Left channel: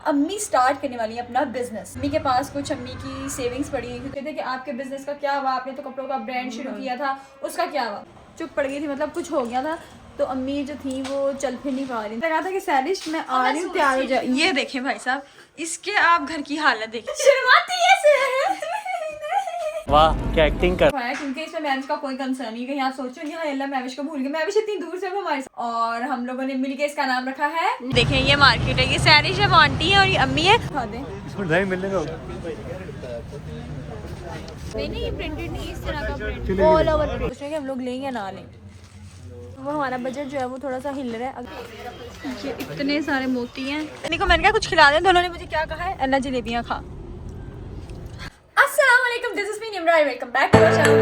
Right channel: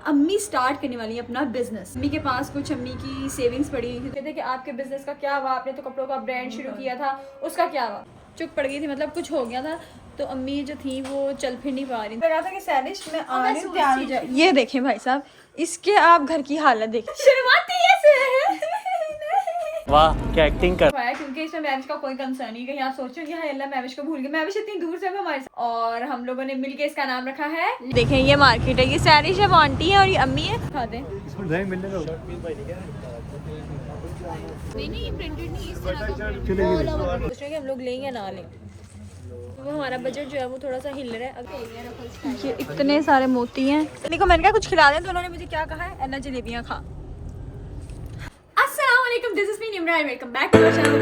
अम्मी स्टार्ट करने वाली है अपना बिजनेस। अम्मी के पास कुछ अम्मी की सेविंग्स पड़ी हुई थी। कहते कि आपके बिजनेस का क्या हुआ, आपने तो कपड़ों का ब्रांड शुरू किया था, उसका क्या हुआ। चुप पड़ गई थी, मतलब कुछ हो गया था। तो अम्मी जो थी वो चल फिर नहीं पा रही। लगा था कि सैलिश में आ रही हूँ, तैयार हो जाए। ये देखें भाई साहब, इसके आप घर की हालत देखें, शर्माती ऐसे है। वाह क्या एक्टिंग कर। क्योंकि इसमें मैविश का कोई कंसर्न नहीं। कहीं आप सोचोगे हाँ अल्लाह मैविश को भूल गए, मैविश इतनी दूर से हमारे साथ। और हम लोगों ने मिलके इसका नाम रखा है, देखें ये मार्केट है, ये सैरिश है, वो आंटी है और ये अम्मी है। खा दें इसमें मिलने को नहीं, ये प्रिंटेड नहीं, इस तरह का प्रिंट ऑल ओवर प्रिंट। उसमें कि हम लोग लेंगे ना लें, वो हमारा बजट जो है वो थोड़ा सा हिल रहा है। ये इतने सारे मोती हैं। देखो मैंने कहा कुछ खिला दें, तो उन्होंने मुझे क्या कहा है, अन्ना जलेबियाँ खा। अस्सलाम वालेकुम, this is me Nimra, welcome back to our channel.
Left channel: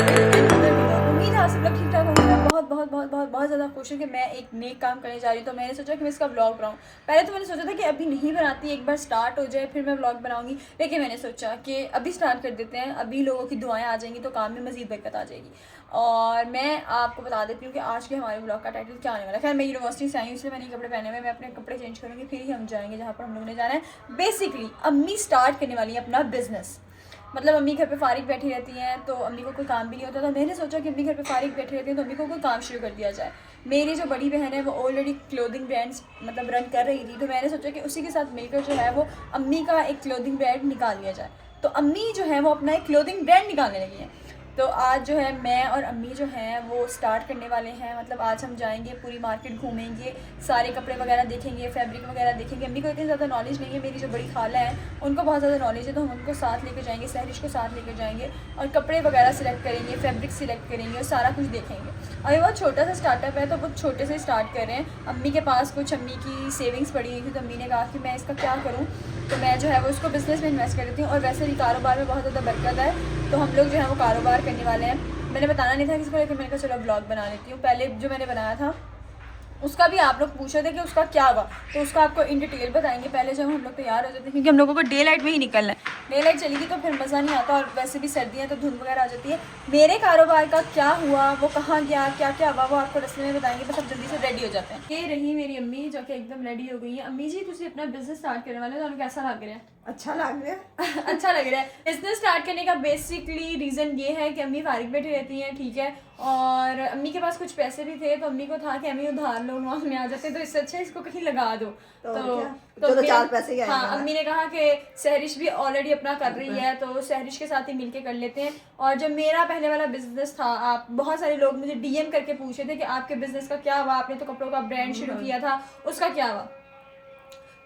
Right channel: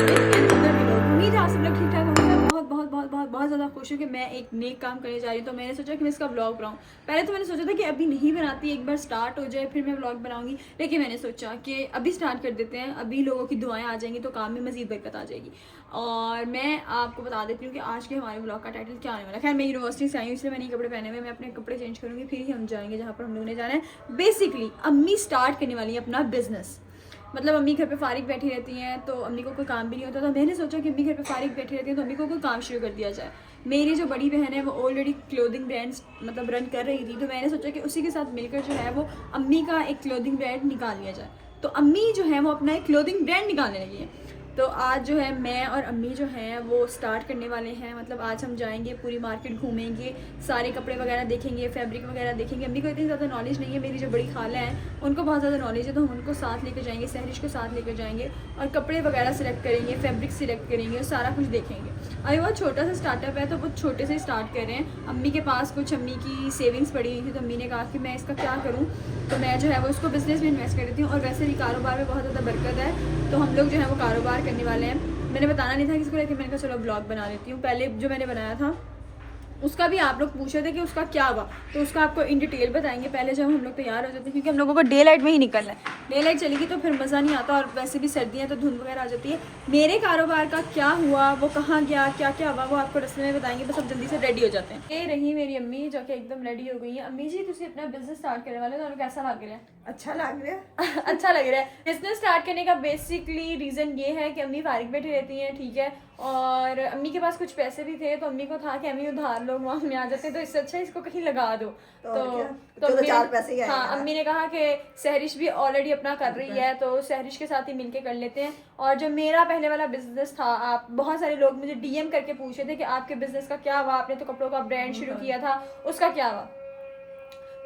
उम्मीद है आप सब लोग ठीक ठाक होंगे। मैं बहुत ज़्यादा खुश हूँ कि मैं एक नेक काम करने जा रही हूँ। तो मैंने सोचा कि मैं इसका व्लॉग बनाऊँ। पहले तो मैंने सोचा था कि अभी नहीं बनाती, एक बार स्टार्ट हो जाए फिर मैं व्लॉग बनाऊँगी। लेकिन मैंने सोचा कि अभी स्टार्ट कर देते हैं, अभी लोगों की दुआएं आ जाएंगी तो काम में मज़ीद बरकत आ जाएगी। और मैं आपको बता देती हूँ कि आज के हमारे व्लॉग का टाइटल क्या होने वाला है। खैर मैं यूनिवर्सिटी से आई हूँ, इसलिए मैंने कपड़े पहने हुए, मैं अपने कपड़े चेंज करूँगी, फिर ही हम जाएंगे जहाँ पर हम लोगों ने जाना है। बेसिकली अम्मी स्टार्ट करने वाली है अपना बिजनेस। मतलब अम्मी घर पे फारिग बैठी रहती हैं तो अम्मी को कोई काम भी नहीं होता। तो मैंने सोचा कि अम्मी घर पे फारिग बैठी रहती हैं तो अम्मी को कोई काम शुरू कर दिया जाए। मेरी जो बड़ी बहन है वो ऑलरेडी क्लोथिंग ब्रांड्स मतलब रन कर रही थी, तो मैंने सोचा कि उसी के साथ मिलकर जो है वो अम्मी का एक क्लोथिंग ब्रांड निकाल दिया जाए। तो अम्मी जो है वो अपना एक क्लोथिंग ब्रांड निकालने लगी हैं। तो आज जो है मैं और अम्मी जो हैं वो स्टार्ट करने वाले हैं। मतलब आज हम जाएंगे, पूरी मार्केट घूमेंगे, सारे कपड़े वगैरह देखेंगे, फैब्रिक वगैरह देखेंगे। अम्मी को इतनी ज़्यादा नॉलेज नहीं है, मेरी जो बड़ी खाला है उनको बहुत ज़्यादा नॉलेज है, तो हम उनको साथ लेकर जाएंगे, सहरिश को साथ लेकर जाएंगे और कपड़े वगैरह सिलेक्ट करेंगे, फैब्रिक सिलेक्ट करेंगे और सारा कुछ देखेंगे। अभी बहुत छोटा सा स्टार्टअप है तो बहुत छोटे से स्टार्ट कर रहे हैं। अम्मी के पास कुछ अम्मी की सेविंग्स पड़ी हुई थी, तो अम्मी ने कहा कि मैं इसका क्या करूँ, तो मैं जो है वो उसको बिज़नेस में इन्वेस्ट कर देती हूँ। और वैसे भी कारोबार में बहुत ज़्यादा बरकत है, तो हम लोग जो है वो कारोबार करने वाले हैं। मैंने बताना नहीं था किसी को, लेकिन मैंने कहा चलो ब्लॉग बना लेती हूँ। पहले जो मैंने बनाया था उसका भी आप लोग पूछ रहे थे कि उसका क्या हुआ, तो उसका आपको इन डिटेल बताएंगे। पहले जब हम लोग तैयार हो जाते हैं, क्योंकि हम लोगों को डे लाइट में ही निकलना है, डे लाइट चलेगी तो फिर मज़ा नहीं आता, और वैसे भी सर्दियाँ तो धुंध वगैरह आ जाती है। मेरे कारोबार का क्या हुआ, वो कहाँ गया, क्या क्या हुआ, वो आपको रस्ते में बताएंगे। बस अब जल्दी से रेडी हो जाते हैं। ये रही मेरी अम्मी जो कि एकदम रेडी हो गई है। अम्मी जी तुम अपना बिजनेस स्टार्ट करने वाले हो, तो कैसा लग रहा है? अच्छा लग रहा है। अच्छा लग रहा है। बिजनेस स्टार्ट करने का बेसिकली रीज़न ये है कि अम्मी फारिग बैठी रहती हैं, ठीक है, और अम्मी के पास कुछ पैसे भी थे, तो अम्मी को था कि अम्मी उधार लोग वहाँ में आ जाते, तो इससे अच्छा इसको कहीं लगा दो। तो चार पैसे हाँ, अम्मी ने कहा कि सहरिश भी ऑलरेडी अपना कर रही है, तो सहरिश के साथ ही मिलके कर लेते हैं। और जो मेरा पहले वाला बिजनेस था, आप बहुत सारे लोग मुझे डीएम करके पूछ रहे थे कि आपके बिजनेस का क्या हुआ, आपने तो कपड़ों का ब्रांड शुरू किया था, उसका क्या हुआ।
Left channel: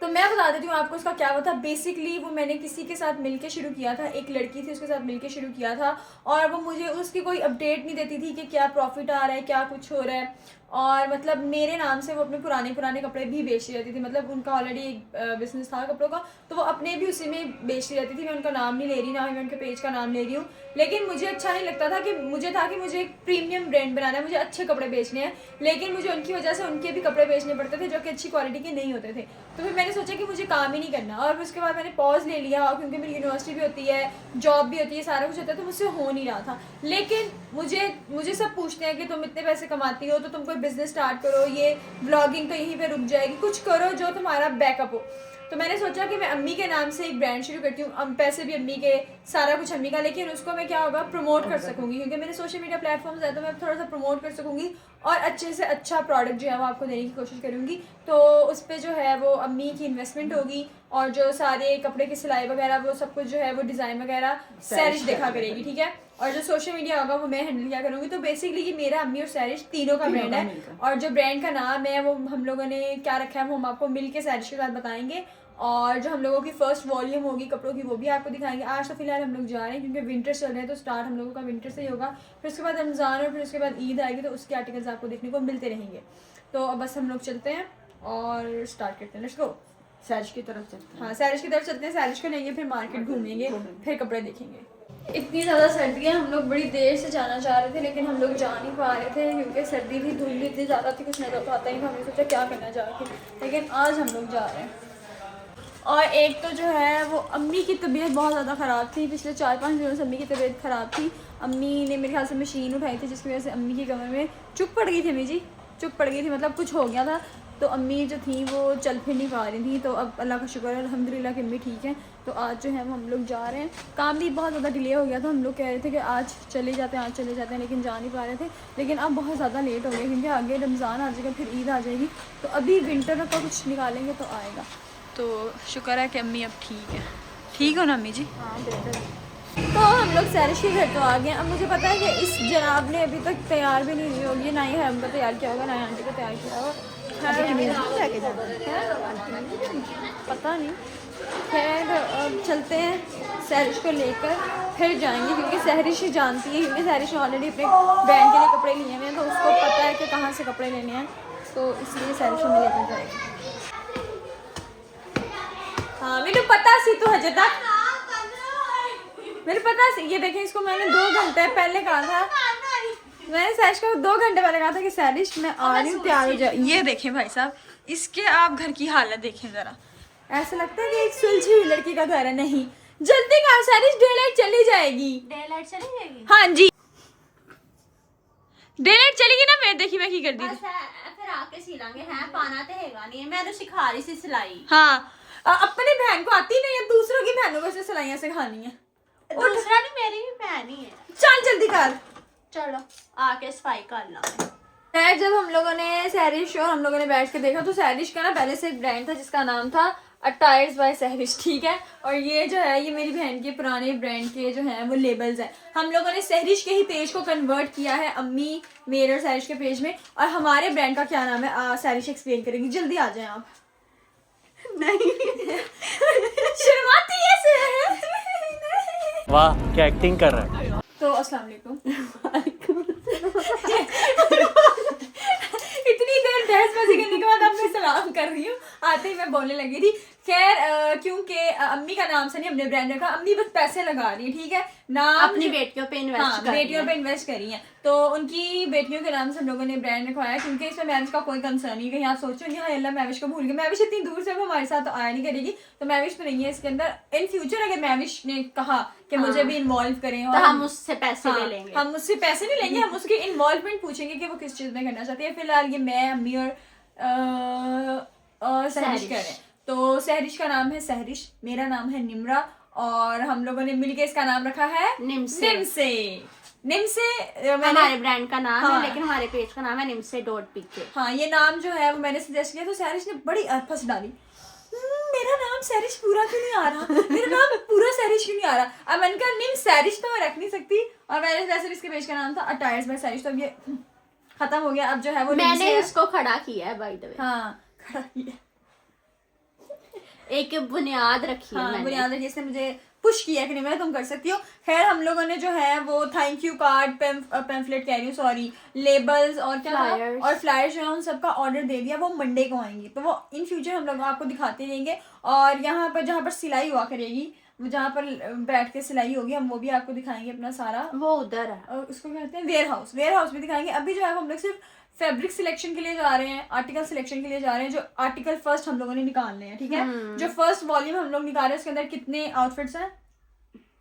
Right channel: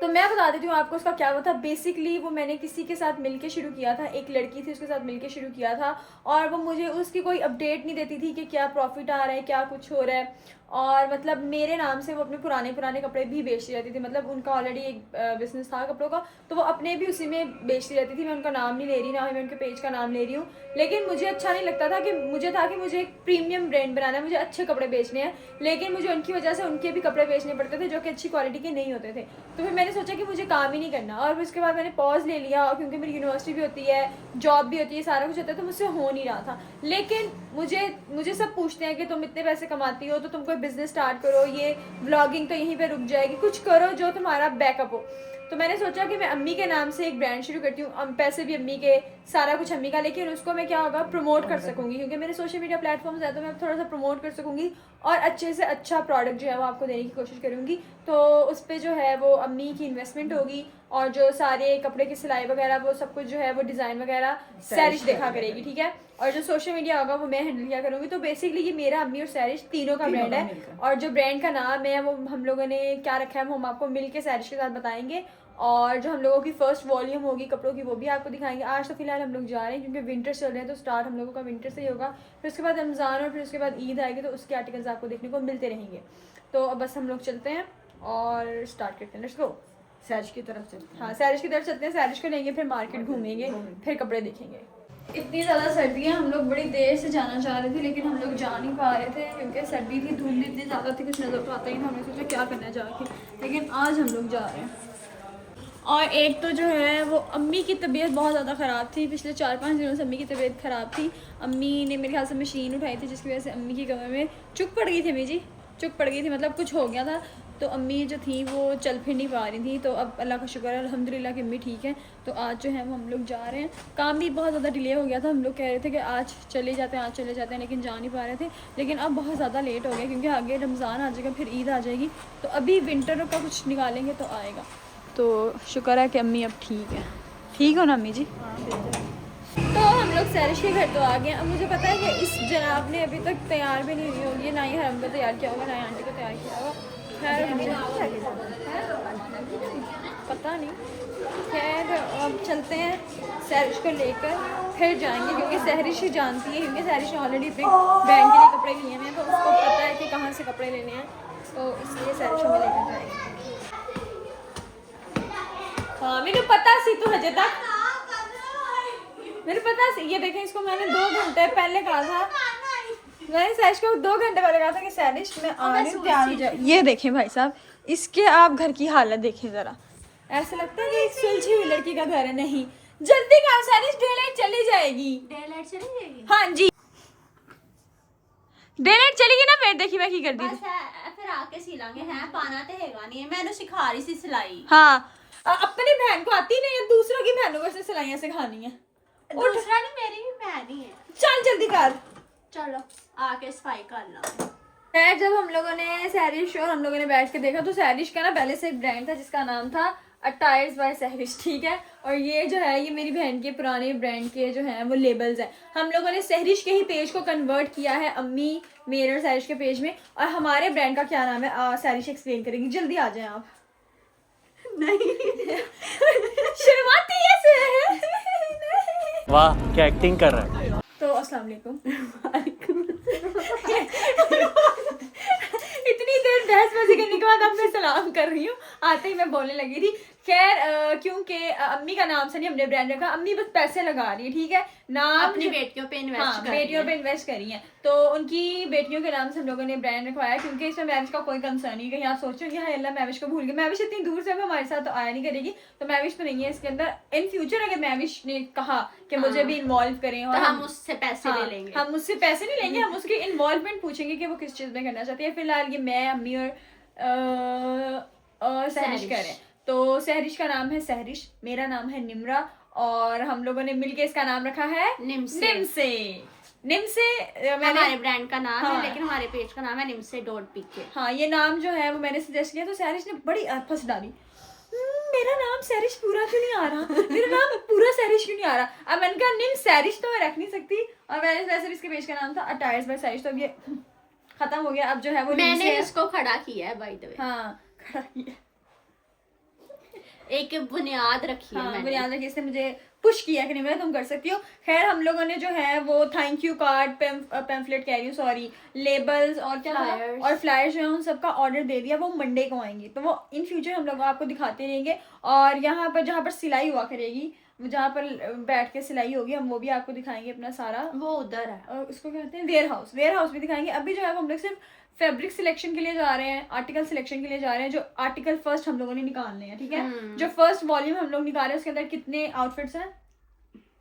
तो मैं बता देती हूँ आपको उसका क्या हुआ था। बेसिकली वो मैंने किसी के साथ मिलके शुरू किया था, एक लड़की थी उसके साथ मिलके शुरू किया था, और वो मुझे उसकी कोई अपडेट नहीं देती थी कि क्या प्रॉफिट आ रहा है, क्या कुछ हो रहा है। और मतलब मेरे नाम से वो अपने पुराने कपड़े भी बेचती रहती थी। मतलब उनका ऑलरेडी एक बिजनेस था कपड़ों का, तो वो अपने भी उसी में बेचती रहती थी। मैं उनका नाम नहीं ले रही, ना ही मैं उनके पेज का नाम ले रही हूँ, लेकिन मुझे अच्छा नहीं लगता था कि मुझे एक प्रीमियम ब्रांड बनाना है, मुझे अच्छे कपड़े बेचने हैं, लेकिन मुझे उनकी वजह से उनके भी कपड़े बेचने पड़ते थे जो कि अच्छी क्वालिटी के नहीं होते थे। तो फिर मैंने सोचा कि मुझे काम ही नहीं करना, और उसके बाद मैंने पॉज ले लिया, और क्योंकि मेरी यूनिवर्सिटी भी होती है, जॉब भी होती है, सारा कुछ होता है, तो मुझसे हो नहीं रहा था। लेकिन मुझे सब पूछते हैं कि तुम इतने पैसे कमाती हो तो तुम कोई बिजनेस स्टार्ट करो, ये व्लॉगिंग तो यहीं पे रुक जाएगी, कुछ करो जो तुम्हारा बैकअप हो। तो मैंने सोचा कि मैं अम्मी के नाम से एक ब्रांड शुरू करती हूँ, पैसे भी अम्मी के, सारा कुछ अम्मी का, लेकिन उसको मैं क्या होगा प्रमोट कर सकूँगी, क्योंकि मेरे सोशल मीडिया प्लेटफॉर्म्स है, तो मैं थोड़ा सा प्रमोट कर सकूँगी और अच्छे से अच्छा प्रोडक्ट जो है वो आपको देने की कोशिश करूँगी। तो उस पर जो है वो अम्मी की इन्वेस्टमेंट होगी, और जो सारे कपड़े की सिलाई वगैरह वो सब कुछ जो है वो डिज़ाइन वगैरह सैरिश देखा करेगी, ठीक है, और जो सोशल मीडिया होगा वो मैं हैंडल किया करूँगी। तो बेसिकली ये मेरा अम्मी और सैरिश तीनों का ब्रांड है, और जो ब्रांड का नाम है वो हम लोगों ने क्या रखा है वो हम आपको मिल के सैरिश के साथ बताएंगे। और जो हम लोगों की फर्स्ट वॉल्यूम होगी कपड़ों की वो भी आपको दिखाएंगे। आज तो फिलहाल हम लोग जा रहे हैं क्योंकि विंटर चल रहे हैं, तो स्टार्ट हम लोगों का विंटर से ही होगा, फिर उसके बाद रमज़ान और फिर उसके बाद ईद आएगी, तो उसके आर्टिकल्स आपको देखने को मिलते रहेंगे। तो अब बस हम लोग चलते हैं और स्टार्ट करते हैं। Let's go. सैरिश की तरफ चलते हैं। हाँ, सैरिश की तरफ चलते हैं, सैरिश को लेंगे, फिर मार्केट घूमेंगे, फिर कपड़े देखेंगे। इतनी ज़्यादा सर्दी है, हम लोग बड़ी देर से जाना चाह रहे थे, लेकिन हम लोग जा नहीं पा रहे थे क्योंकि सर्दी थी, धुंध इतनी ज़्यादा थी, कुछ नज़र आता ही, तो हमने सोचा क्या करना जाके, लेकिन आज हम लोग जा रहे हैं। और एक तो जो है वो अम्मी की तबीयत बहुत ज़्यादा ख़राब थी, पिछले 4-5 दिनों से अम्मी की तबीयत ख़राब थी। अम्मी ने मेरे ख्याल से मशीन उठाई थी, जिसकी वजह से अम्मी की कमर में चुप पड़ गई थी। अम्मी जी चुप पड़ गई थी, मतलब कुछ हो गया था, तो अम्मी जो थी वो चल फिर नहीं पा रही थी, तो अब अल्लाह का शुक्र है अल्हम्दुलिल्लाह कि अम्मी ठीक है। तो आज जो है वो हम लोग जा रहे हैं। काम भी बहुत ज़्यादा डिले हो गया था, हम लोग कह रहे थे कि आज चले जाते हैं, आज चले जाते हैं, लेकिन जा नहीं पा रहे थे। लेकिन अब बहुत ज़्यादा लेट हो गया क्योंकि आगे रमज़ान आ जाएगा, फिर ईद आ जाएगी, तो अभी विंटर का कुछ निकालेंगे तो आएगा। तो शुक्र है कि अम्मी अब ठीक है। ठीक हो ना अम्मी जी? हाँ बेहतर। तो हम लोग सैरिश के घर तो आ गए। अब मुझे पता है कि इस जनाब ने अभी तक तैयार भी नहीं हुई होगी, ना ही हम को तैयार किया होगा, ना ही आंटी को तैयार किया होगा। खैर पता नहीं, खैर अब चलते हैं सैरिश को लेकर फिर जाएंगे, क्योंकि सहरिश ही जानती है। हिंदी सहरिश ऑलरेडी अपने बहन के लिए कपड़े लिए हैं, तो उसको पता है कि कहाँ से कपड़े लेने हैं, तो इसलिए सहरिश हमें लेकर जाएगी। हाँ मेरे पता सी तो हजे तक मेरे पता सी। ये देखें, इसको मैंने 2 घंटे पहले कहा था, मैंने सहरिश को 2 घंटे पहले कहा था कि सहरिश मैं आ रही हूँ, तैयार हो जाए। ये देखें भाई साहब, इसके आप घर की हालत देखें ज़रा, ऐसा लगता है कि एक सुलझी हुई लड़की का घर है। नहीं जल्दी काम सहरिश, डे लाइट चली जाएगी। डे लाइट चली जाएगी? हाँ जी डे लाइट चलेगी ना। फिर देखी मैं की कर दी बस फिर आके सिलांगे हैं, पाना तो हैगा नहीं है। मैंने सिखा रही सी सिलाई। हाँ अपनी बहन को आती नहीं है, दूसरों की बहनों को से सिलाइयाँ सिखानी है। दूसरा नहीं, मेरी भी बहन ही है। चल जल्दी कर। चलो आके सफाई कर ला। खैर जब हम लोगों ने सहरिश और हम लोगों ने बैठ के देखा, तो सहरिश का ना पहले से एक ब्रांड था जिसका नाम था अटायर्स बाय सहरिश, ठीक है। और ये जो है ये मेरी बहन के पुराने ब्रांड के जो हैं वो लेबल्स हैं। हम लोगों ने सहरिश के ही पेज को कन्वर्ट किया है अम्मी मेरे और सहरिश के पेज में। और हमारे ब्रांड का क्या नाम है सहरिश एक्सप्लेन करेंगी, जल्दी आ जाएं आप। नहीं शर्माती ऐसे है। वाह क्या एक्टिंग कर रहा है। तो अस्सलाम वालेकुम। इतनी देर बहसबाजी करने के बाद अब मैं सलाम कर रही हूँ, आते ही मैं बोलने लगी थी। खैर क्योंकि अम्मी का नाम से नहीं हमने ब्रांड रखा, अम्मी बस पैसे लगा रही है, ठीक है। नाम अपनी बेटियों पे इन्वेस्ट हाँ बेटियों पे इन्वेस्ट करी हैं, तो उनकी बेटियों के नाम से हम लोगों ने ब्रांड रखवाया, क्योंकि इसमें मैविश का कोई कंसर्न नहीं। कहीं आप सोचोगे हाँ अल्लाह मैविश को भूल गए, मैविश इतनी दूर से अब हमारे साथ तो आया नहीं करेगी, तो मैविश तो नहीं है इसके अंदर। इन फ्यूचर अगर मैविश ने कहा कि मुझे भी इन्वॉल्व करें और तो हम उससे पैसे ले लेंगे। हम उससे पैसे नहीं लेंगे, हम उसकी इन्वॉल्वमेंट पूछेंगे कि वो किस चीज़ में करना चाहती है। फिलहाल ये मैं अम्मी और सहरिश करें। तो सहरिश का नाम है सहरिश, मेरा नाम है निम्रा, और हम लोगों ने मिलके इसका नाम रखा है निमसे। मैंने हमारे ब्रांड का नाम हाँ, है, लेकिन हमारे पेज का नाम है nimse.pk। हाँ ये नाम जो है वो मैंने सजेस्ट किया, तो सहरिश ने बड़ी फंस डाली। मेरा नाम सहरिश पूरा क्यों नहीं आ रहा, मेरा नाम पूरा सहरिश क्यों नहीं आ रहा। अब मैंने कहा निम सहरिश तो मैं रख नहीं सकती, और मैंने वैसे इसके पेज का नाम था अटायर्स बाय सहरिश, तो अब ये खत्म हो गया। अब जो है वो मैंने इसको खड़ा किया है बाय द वे। हाँ खड़ा किया, एक बुनियाद रखी है। हाँ बुनियाद रखी, इसने मुझे पुश किया कि नहीं मैं तुम कर सकती हो। खैर हम लोगों ने जो है वो थैंक यू कार्ड, पैम्फलेट कह रही हूँ सॉरी, लेबल्स और क्या था और फ्लायर्स जो है उन सबका ऑर्डर दे दिया। वो मंडे को आएंगी, तो वो इन फ्यूचर हम लोग आपको दिखाते रहेंगे। और यहाँ पर जहाँ पर सिलाई हुआ करेगी, जहाँ पर बैठ के सिलाई होगी, हम वो भी आपको दिखाएंगे अपना सारा। वो उधर है, और उसको कहते हैं वेयर हाउस भी दिखाएंगे। अभी जो है हम लोग सिर्फ फैब्रिक सिलेक्शन के लिए जा रहे हैं, आर्टिकल सिलेक्शन के लिए जा रहे हैं। जो आर्टिकल फर्स्ट हम लोगों ने निकालने हैं, ठीक है। जो फर्स्ट वॉल्यूम हम लोग निकाल रहे हैं उसके अंदर कितने आउटफिट्स हैं?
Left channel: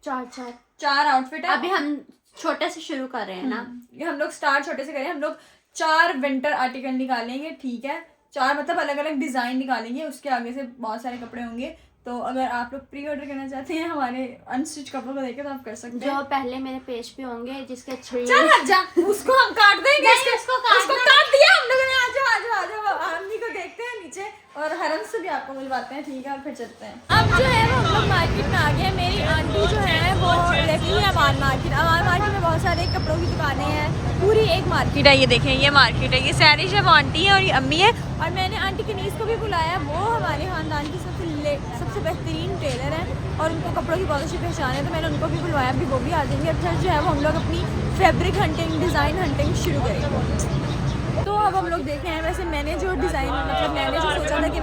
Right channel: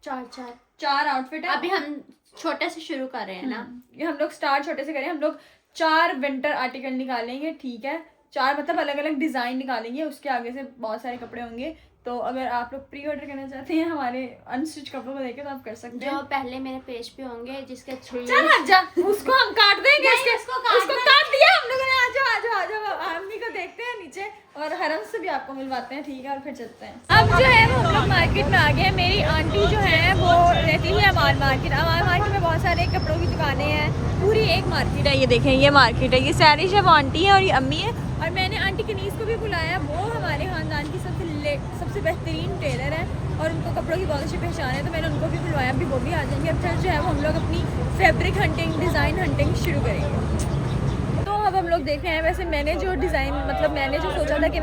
4 आउटफिट है। अभी हम छोटे से शुरू कर रहे हैं ना, ये हम लोग स्टार्ट छोटे से करें। हम लोग 4 विंटर आर्टिकल निकालेंगे, ठीक है। 4 मतलब अलग अलग डिजाइन निकालेंगे, उसके आगे से बहुत सारे कपड़े होंगे। तो अगर आप लोग प्री ऑर्डर करना चाहते हैं हमारे अनस्टिच कपड़ों को देखे तो आप कर सकते हैं। जो पहले मेरे पेज पे होंगे जिसके 3 चल हट जा, उसको हम काट देंगे। उसको काट दिया हम लोगों ने। आ जाओ अम्मी को देखते हैं नीचे, और हरम से भी आपको मिलवाते हैं, ठीक है। और फिर चलते हैं। अब जो है वो हम लोग मार्केट में आ गए हैं। मेरी आंटी जो है वो रहती है अमान मार्केट। अमान मार्केट में बहुत सारे कपड़ों की दुकानें हैं, पूरी एक मार्केट है। ये देखें ये मार्केट है, ये सहरिश है, वो आंटी है और ये अम्मी है। और मैंने आंटी कनीज़ को भी बुलाया, वो हमारे ख़ानदान की सबसे बेहतरीन टेलर है और उनको कपड़ों की बहुत अच्छी पहचान है, तो मैंने उनको भी बुलवाया। अभी वो भी आ जाएंगे। अब चल जो है वो हम लोग अपनी फैब्रिक हंटिंग, डिज़ाइन हंटिंग शुरू करेंगे। तो अब हम लोग देख रहे हैं। वैसे मैंने जो डिज़ाइन मतलब मैंने जो सोचा था कि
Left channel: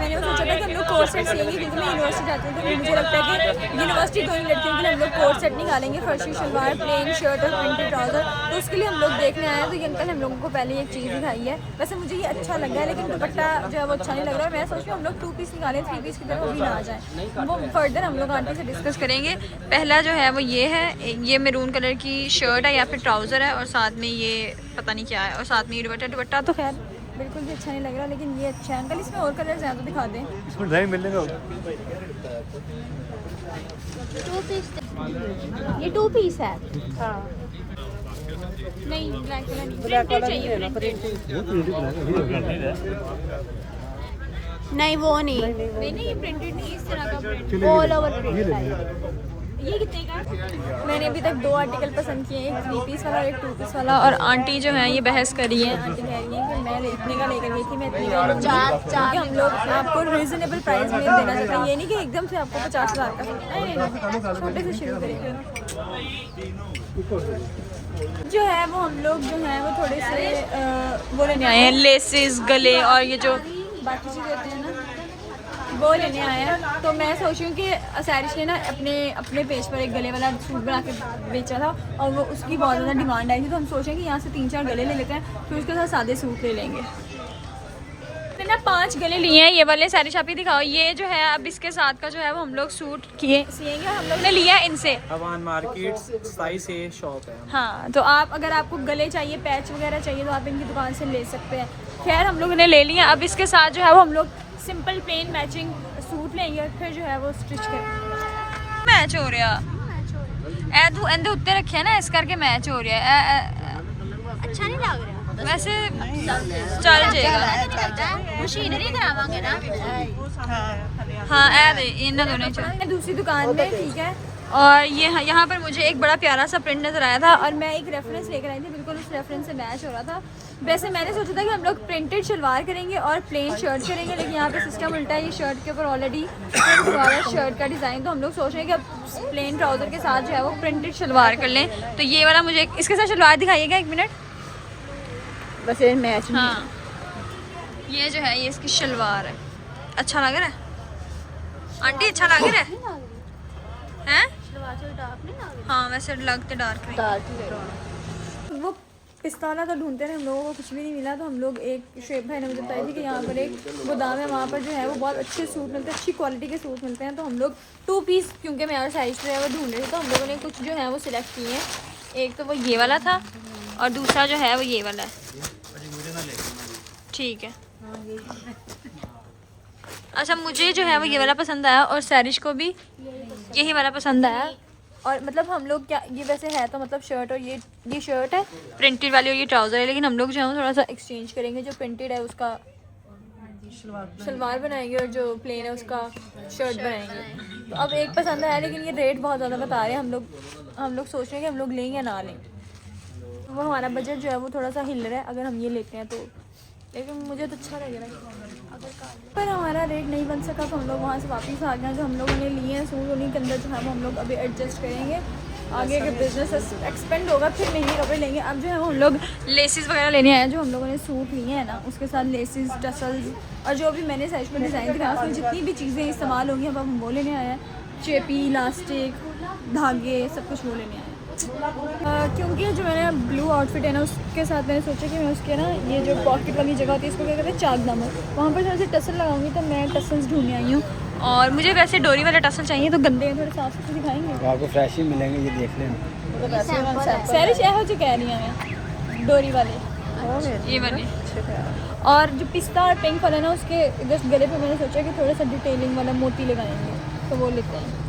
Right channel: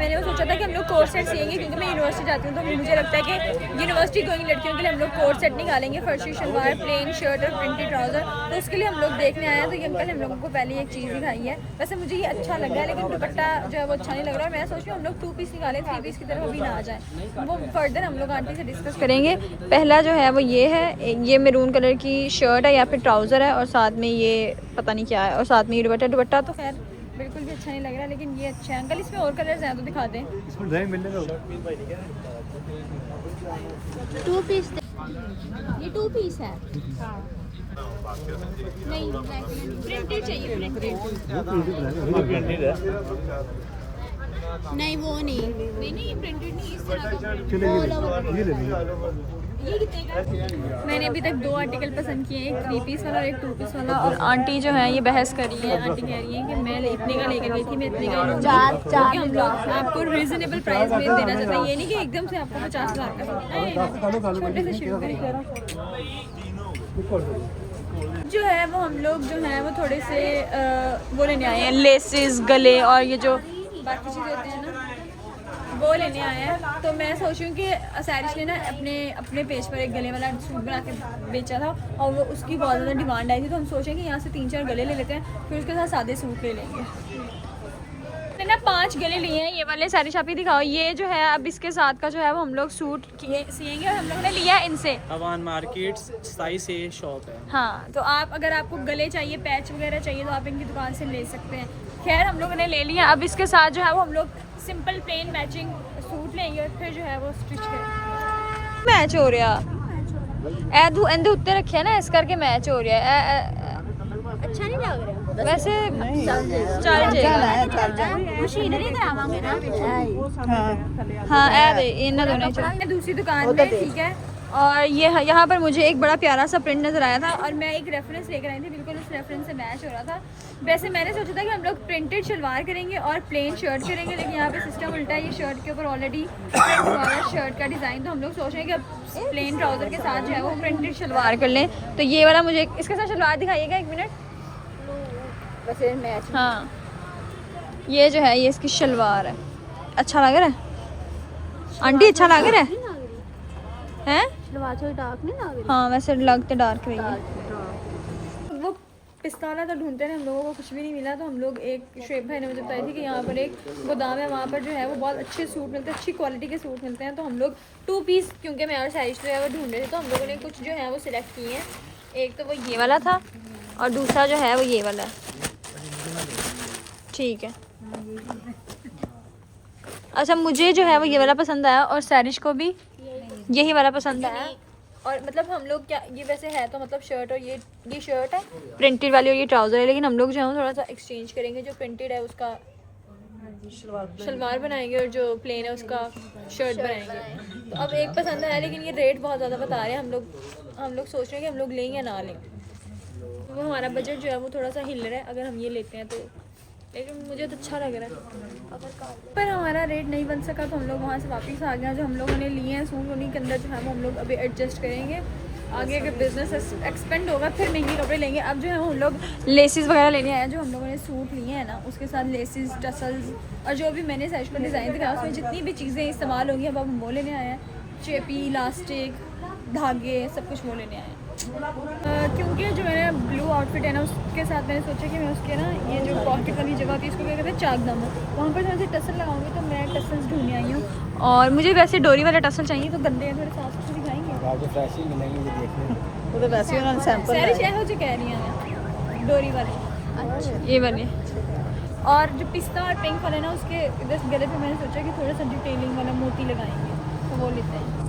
हम लोग कोट सेट सिएंगे, क्योंकि मैं यूनिवर्सिटी जाती हूँ, तो मुझे लगता है कि यूनिवर्सिटी गोइंग लड़कियों के लिए हम लोग कोट सेट निकालेंगे, फर्शी शलवार, प्लेन शर्ट और प्रिंटेड ट्राउज़र। तो उसके लिए हम लोग देखने आए हैं। तो ये अंकल हम लोगों को पहले एक चीज़ दिखाई है। वैसे मुझे ये अच्छा लगा है, लेकिन दुपट्टा जो है वो अच्छा नहीं लग रहा है। मैं सोच रही हूँ हम लोग 2 पीस निकालें, 3 पीस की तरफ अभी ना आ जाए। वो फर्दर हम लोग आंटी से डिस्कस करेंगे। पहला जो है वो ये है, ये मैरून कलर की शर्ट है या फिर ट्राउज़र है, और साथ में ये पता नहीं क्या है, और साथ में ये दुपट्टा तो खैर बिल्कुल भी अच्छा नहीं लग रहा, लेकिन ये अच्छा है। अंकल इसमें और कलर्स हैं तो दिखा दें। इसमें नहीं मिलने का। ये 2 पीस है। हाँ नहीं ब्लैक कलर प्रिंटेड चाहिए, प्रिंटेड। नहीं वो नहीं ये प्रिंटेड नहीं, इस तरह का प्रिंट ऑल ओवर। ये कितने का? मैंने अभी तक 2 आर्टिकल पसंद किए हैं, एक 3 पीस वाला और एक 2 पीस वाला। और आंटी जो है ये बहस कर रही है। आंटी कह रही है कि मैं इतने का लेकर गई थी, मैं इतने का लूँगी, क्योंकि हम लोग आपको रीजनेबल प्राइस में देना चाहते हैं। ये नहीं कि एकदम से आपको 50,000 का, नहीं, छोटे से शुरू करेंगे। जो है वो हम लोग जो है वो थोड़े से वो लेने आए हैं, लेसेस, गले और ये जो बाकी चीज़ होते हैं ना, वो लेने आए हैं। तो मैं सोच रही हूँ कि सैरिश ने ना अपने पेज पर एक गले वाला सूट बना के बेचा था और वो उसकी बहुत ज़्यादा डिमांड आई थी। तो हम सोचें कि यहाँ से 3-4 गले ले लेते हैं, फिर उसके साथ सादे सूट ले लेंगे। मैंने ना 5 गले लिए हैं, ये वाले। सैरिश आप ही दिखाओ। ये जो है अब इसके साथ का जो है वो हम लोग सूट सिएंगे और हम लोग ने लिया है इनसे। अवान मार्केट्स साइज से शॉप है। हाँ, तो अगर आपको गले चाहिए, पैच वगैरह चाहिए, तो आप इनकी दुकान से ले सकते हैं। खैर हम लोग इन्हें ले लिया। अब इसके साथ जो है वो हम लोग सिंपल प्लेन मैचिंग सूट लेंगे, फिर जो है वो स्टिच करेंगे। मैच हो रहा एंदे उत्ते रखे ना, इस करके मैच हो रहा है। अच्छा नहीं लग रहा वैसे चल जाएगा। मशीनरी करावांगे ना। हाँ इन दोनों चल। दूसरी दुकान में ठीक है। और ये यहाँ पर मुझे एक बड़ा प्यारा सा प्रिंट नज़र आया था और मैं एक रेफरेंस लेकर आई थी, बिल्कुल उस रेफरेंस से मैच हो रहा था। वैसे मैंने सोचा था कि हम लोग प्रिंटेड शलवार करेंगे और प्लेन शर्ट करेंगे, लेकिन यहाँ पे सिस्टम उल्टा है। ये शर्ट के ऊपर ऑलरेडी शर्ट का डिज़ाइन, तो हम लोग सोच रहे हैं कि अब प्लेन ट्राउज़र के साथ जो है वो प्रिंटेड शलवार कर लें। तो ये वाला मुझे इसके साथ शलवार दिखाइएगा, 1 मिनट। वैसे मैच हाँ, ये जो है ये इसकी शलवार है। अच्छा लग रहा है आंटी? अच्छा लग रहा है हैं? हाँ वैसे लग तो डार्क रही है। वो पिस्ताना तो ढूंढते हैं, हम लोगों को कुछ भी नहीं मिला। तो हम लोग एक शुएब भाई ने मुझे बताई थी कि यहाँ पर एक गोदाम है, वहाँ पर जो है वो बहुत अच्छे सूट मिलते हैं, अच्छी क्वालिटी के सूट मिलते हैं। तो हम लोग 2 पीस, क्योंकि मैं और साइज जो है वो ढूंढ रहे थे, तो हम लोगों ने कुछ जो है वो सिलेक्ट किए हैं। एक तो वो ये वाला था और दूसरा जो है वो ये वाला है। ठीक है। अच्छा, मुझे जो है वो ये वाला पसंद आया और सैरिश को भी यही वाला पसंद आया। और मतलब हम लोग क्या, ये वैसे है तो मतलब शर्ट, और ये शर्ट है प्रिंटेड वाली और ये ट्राउज़र है, लेकिन हम लोग जो है थोड़ा सा एक्सचेंज करेंगे। जो प्रिंटेड है उसका शलवार बनाएंगे और जो प्लेन है उसका शर्ट बनाएंगे। तो अब एक पसंद आया, लेकिन ये रेट बहुत ज़्यादा बता रहे हैं। हम लोग सोच रहे हैं कि हम लोग लें या ना लें। वो हमारा बजट जो है वो थोड़ा सा हिल रहा है अगर हम ये लेते हैं तो, लेकिन मुझे तो अच्छा लग रहा है। पर हमारा रेट नहीं बन सका तो हम लोग वहाँ से वापस आ गए। जो हम लोगों ने लिए हैं सूट, उन्हीं के अंदर जो है वो हम लोग अभी एडजस्ट करेंगे। आगे अगर बिजनेस एक्सपेंड होगा फिर महंगे कपड़े लेंगे। अब जो है हम लोग लेसिस वगैरह लेने आए हैं। जो हम लोगों ने सूट लिए हैं ना, उसके साथ लेसिस, टसल्स और जो भी मैंने साइज पर डिज़ाइन दिखाया उसमें जितनी भी चीज़ें इस्तेमाल होंगी अब हम वो लेने आए हैं। चेपी, इलास्टिक, धागे, सब कुछ वो लेने आए हैं। क्योंकि जो मेरा ब्लू आउटफिट है ना, उसके साथ मैंने सोचा कि मैं उसके ना ये जो पॉकेट वाली जगह होती है इसको क्या कहते हैं, चाकदाम, वहाँ पर थोड़ी सी टसल लगाऊंगी। तो मैं टसल्स ढूंढने आई हूँ और मुझे वैसे डोरी वाले टसल चाहिए। तो गंदे हैं, थोड़े साफ सुथरे दिखाएंगे आपको फ्रेश ही मिलेंगे ये देखने में। वो तो वैसे उन्होंने सैंपल सारी चाहे जो कह रही हैं डोरी वाले, ये वाले। और जो पिस्ता और पिंक वाला ना, उसके जस्ट गले पे मैंने सोचा कि थोड़ा सा डिटेलिंग वाला मोती लगाएंगे, तो वो लेते हैं।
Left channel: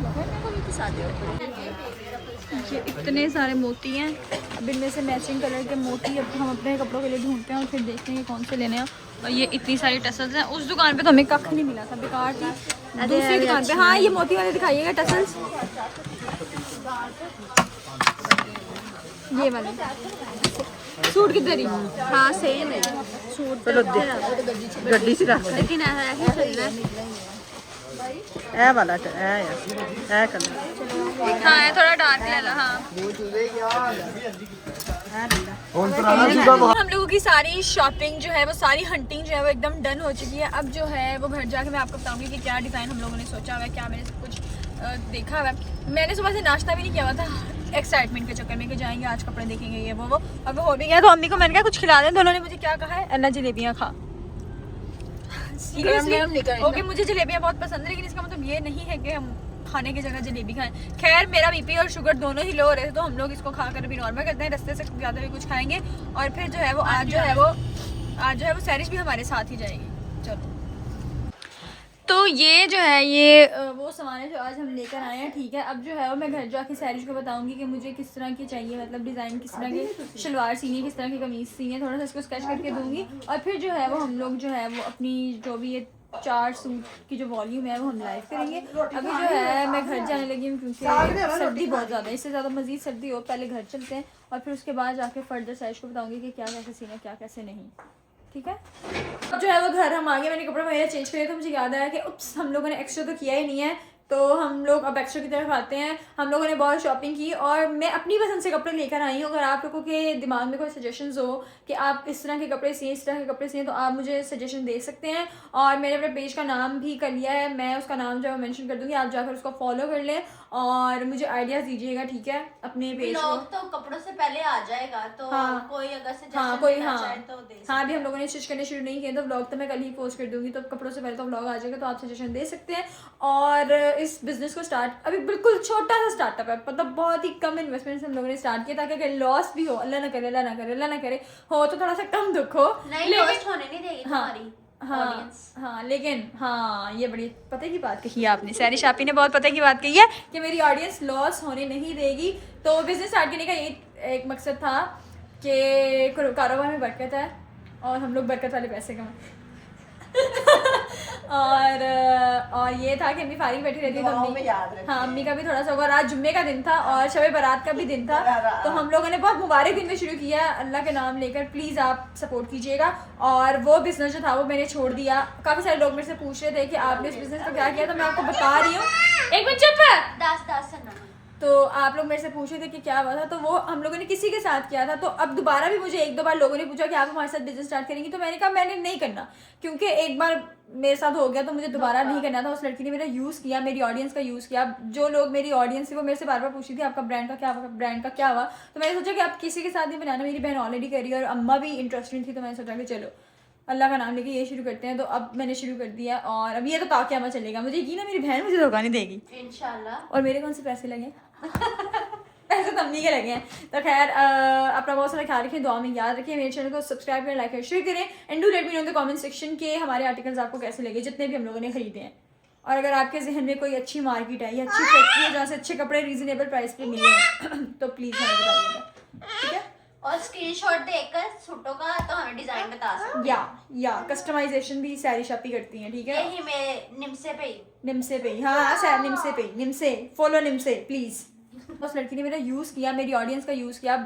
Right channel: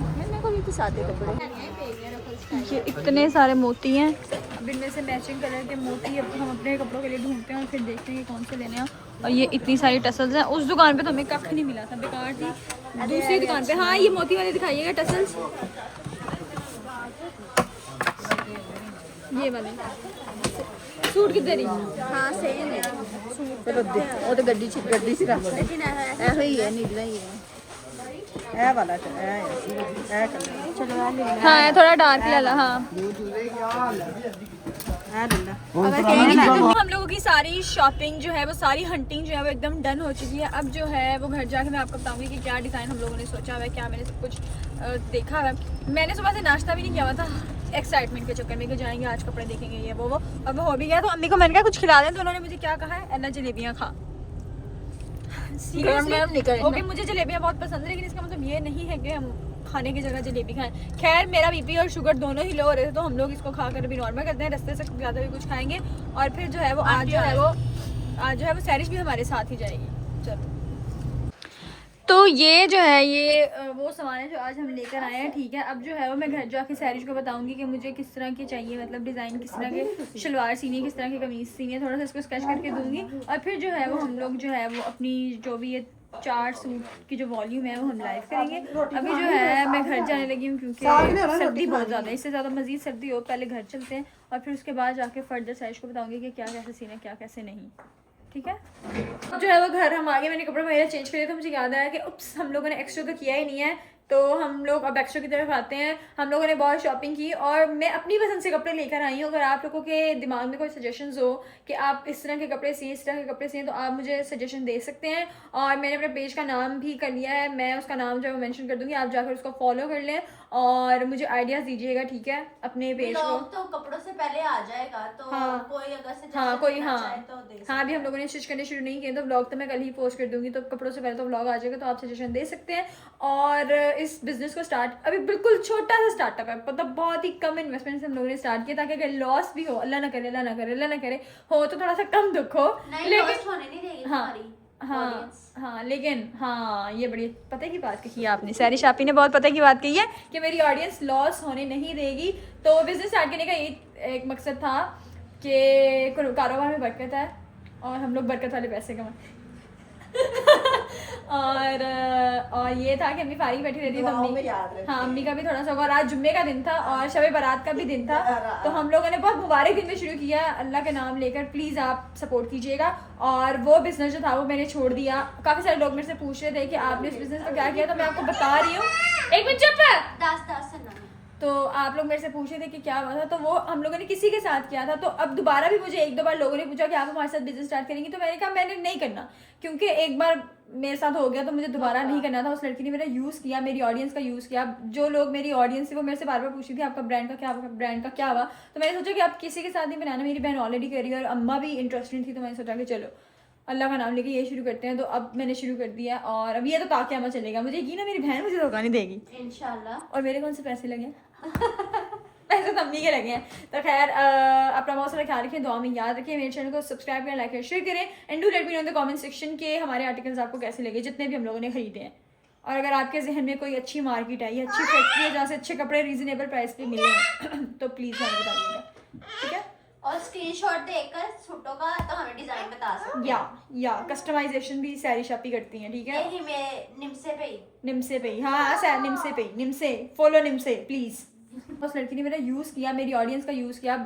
ये इतने सारे मोती हैं, अब इनमें से मैचिंग कलर के मोती अब हम अपने कपड़ों के लिए ढूंढते हैं और फिर देखते हैं कौन से लेने हैं। और ये इतनी सारी टसल्स हैं। उस दुकान पे तो हमें कख नहीं मिला था, बेकार थी। दूसरी दुकान पे हाँ, ये मोती वाले दिखाइएगा टसल्स, ये वाले सूट किधर ही? हाँ सेम है सूट वो तो गड्डी से रख लेकिन ऐसा ही है, नीला ही है। ए वाला ए करना हाँ थोड़ा डार्क वाला। हाँ हम लोगों की सारी शॉपिंग जो है वो, सारी हंटिंग जो है वो एकदम डन हो चुकी है। अब जो है वो घर जाके मैं आपको बताऊंगी कि क्या डिज़ाइन हम लोगों ने सोचा हुआ है, क्या मैंने सब कुछ देखा हुआ है। मैंने सुबह से नाश्ता भी नहीं किया हुआ था एक्साइटमेंट के चक्कर में कि जाएंगे आज कपड़े देखेंगे ये वो। अब हो भी गया तो अम्मी को मैंने कहा कुछ खिला दें, तो उन्होंने मुझे क्या कहा है, अन्ना जलेबियाँ खा। ओके, मुझे जलेबियाँ बहुत पसंद है, लेकिन इसका मतलब ये नहीं है कि हम खाने की जगह जलेबी खाएं। खैर मेरा बीपी और शुगर दोनों ही लो हो रहे थे, तो हम लोग इसको खाकर भी नॉर्मल करते हैं, रास्ते से ज़्यादा भी कुछ खाएंगे। और फिर जो है वो आज जो है वो आज जो है वो सैरिश भी हमारे साथ ही जाएगी। चलो, तो ये जो है ये वो सामान है जो आज हम लेकर आए हैं, ठीक है। अब जो है वो मैं घर जाके सैरिश को बताऊंगी कि मुझे किस तरह की चाहिए, मतलब डिज़ाइन किस तरह के शलवार सीनी, किस तरह की कमीज़ सीनी है, थोड़ा सा इसको स्केच करके दूंगी। और फिर जो है वो हम लोग जो है वो अपनी जो भी ये 4 सूट की जो वॉल्यूम है वो हम लाइव करेंगे। अभी जो है मैं घर जाने लगी हूँ क्योंकि सर्दी बहुत ज़्यादा है, इससे ज़्यादा मज़ीद सर्दी हो, पहले घर चलते हैं और फिर उसके बाद जाके फर्दर सैरिश को बताऊँगी कि क्या कैसे सीना है, क्या कैसे नहीं, ठीक है। अब जो है वो घर हम आ गए, मैंने कपड़े वगैरह चेंज करे तो मुझे याद आया कि उप्स हम लोगों ने एक्स्ट्रा तो किया ही नहीं है, तो हम लोग अब एक्स्ट्रा की तरफ आते हैं। हम लोगों ने बहुत शॉपिंग की और मैं अपनी पसंद से कपड़े लेकर आई हूँ। अगर आप लोगों के दिमाग में कोई सजेशंस हो कि आप इस तरह के कपड़े सिए, इस तरह के कपड़े सिए, तो आप मुझे सजेशन दे सकते हैं। और मैंने अपने पेज का नाम भी कर लिया है, मैं उसका नाम जो है मेंशन कर दूँगी, आप जाकर उसको फॉलो कर लें और मुझे आइडियाज़ दीजिएगा, ठीक है, अपने पेज को। तो कपड़ों से पहले आ जाएगा, तो हाँ। कोई अगर से हाँ कोई, हाँ तो दे हाँ, अभी हम लोगों ने स्टिच करने शुरू नहीं किए, तो व्लॉग तो मैं कल ही पोस्ट कर दूंगी, तो कपड़ों से पहले तो व्लॉग आ जाएगा, तो आप सजेशन दे सकते हैं। और इस बिजनेस को स्टार्ट अभी बिल्कुल छोटा सा स्टार्टअप है, मतलब बहुत ही कम इन्वेस्टमेंट से हम लोगों ने स्टार्ट किया, ताकि अगर लॉस भी हो, अल्लाह ना करे, अल्लाह ना करे, अल्लाह ना करे, हो तो थोड़ा सा कम दुख हो, लेकिन होने नहीं देगी तुम्हारी। हाँ लेकिन हाँ, ये बड़ी पता की बात कही है आपने, सैरिश आपी ने बहुत पता की बात कही है कि मेरी ऑडियंस लॉस होने नहीं देगी। तो बिजनेस स्टार्ट करने का ये एक मकसद था कि कारोबार में बरकत है और हम लोग बरकत वाले पैसे कमाएं। और ये था कि अम्मी फारिग बैठी रहती है, तो अम्मी, हाँ अम्मी का भी थोड़ा सा, और आज जुम्मे का दिन था और शब बारात का भी दिन था, तो हम लोगों ने बहुत मुबारक दिन में शुरू किया अल्लाह के नाम लेकर। प्लीज़ आप सपोर्ट कीजिएगा। और वो बिज़नेस जो था वो मैंने छोड़ दिया। काफ़ी सारे लोग मेरे से पूछ रहे थे कि आपने उस बिज़नेस को क्या किया, तो मैं आपको बता रही हूँ। एक मिनट चुप है। तो आप लोग मेरे से पूछ रहे थे कि क्या हुआ था, तो वो हम लोगों ने किसी के साथ किया था। तो अब दोबारा भी मुझे 1-2 बार लोगों ने पूछा कि आप हमारे साथ बिजनेस स्टार्ट करेंगी, तो मैंने कहा मैंने नहीं करना, क्योंकि एक बार मेरे साथ हो गया तो मुझे दोबारा नहीं करना था। उस लड़की ने मेरा यूज़ किया, मेरी ऑडियंस का यूज़ किया। जो लोग मेरी ऑडियंस थी वो मेरे से बार बार पूछी थी आपका ब्रांड का क्या हुआ, तो मैंने सोचा कि आप किसी के साथ नहीं बनाना, मेरी बहन ऑलरेडी कर रही है और अम्मा भी इंटरेस्टेड थी, तो मैंने सोचा कि चलो अल्लाह का नाम लेके ये शुरू करते हैं। तो अब मैंने शुरू कर दिया और अब ये तो ताकि अम्मा चलेगा, मुझे यकीन है मेरी बहन मुझे धोखा नहीं देगी इंशाल्लाह। और मेरे कौन से पैसे लगे पैसे तो अम्मी के लगे हैं। तो खैर अपना बहुत सारा ख्याल रखें, दुआ में याद रखें, मेरे चैनल को सब्सक्राइब करें, लाइक करें, शेयर करें, and do let me know in the comment section के हमारे आर्टिकल्स आपको कैसे लगे, जितने भी हम लोगों ने खरीदे हैं। और अगर आपके जहन में कोई अच्छी मार्केट है या अच्छी फैक्ट्री है जहाँ से अच्छे कपड़े रीजनेबल प्राइस पे मिले हैं तो प्लीज़ हमें बताइएगा, ठीक है। और स्क्रीनशॉट देकर सूटों का तो हमें डिजाइन बता सकते या कस्टमाइजेशन भी सैरिश आपी करती हैं, ठीक है। यही मैं निमसे पे ही हाँ निमसे फॉलो निमसे प्लीज़। उस लड़की ने मेरा यूज़ किया, मेरी ऑडियंस का यूज़ किया।